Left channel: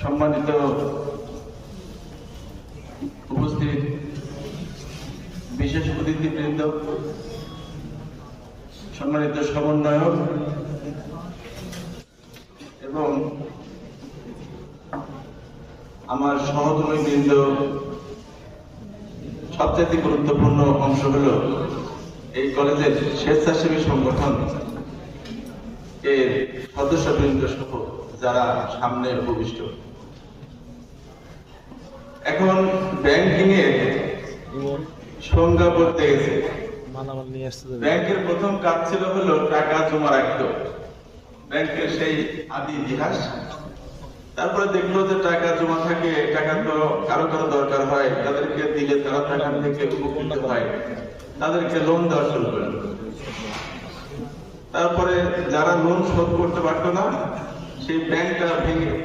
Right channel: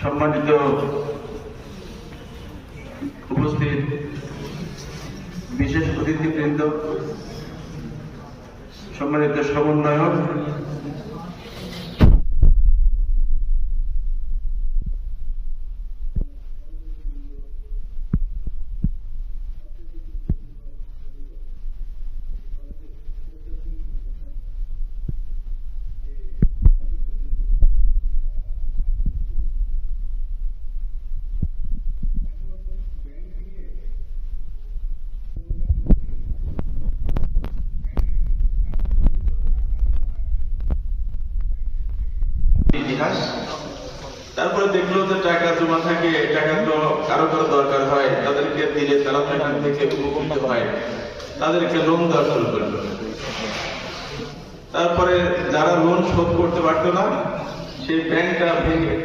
সম্মানিত উপস্থিত বিশেষ অতিথিবৃন্দ, সম্মানিত সমন্বয়ক এবং আমার সহকর্মী বৃন্দ, সবচেয়ে গুরুত্বপূর্ণ অংশ হল এই কলেজের স্বেচ্ছাসেবী সংগঠন এর সদস্যবৃন্দ সহ যারা সামনে উপবিষ্ট। এখন ব্যাংকিং এর সংজ্ঞা বলতে গেছে, ব্যাংকের প্রথম কাজ ছিল হলো টাকা জমা রাখতো, ব্যাংকের সেই আদি ইতিহাস। তারপরে দেখলো যে টাকা জমা থাকে, টাকা তো কারো কারো দরকার হয়, তাদেরকে দিলে তারা টাকা থেকে উপকৃত হয়, তাদেরকে লোন দেওয়া শুরু করলো। তারপরে যারা লোন শোধ করতে পারতো না, সেই ব্যাংকটা ভেঙে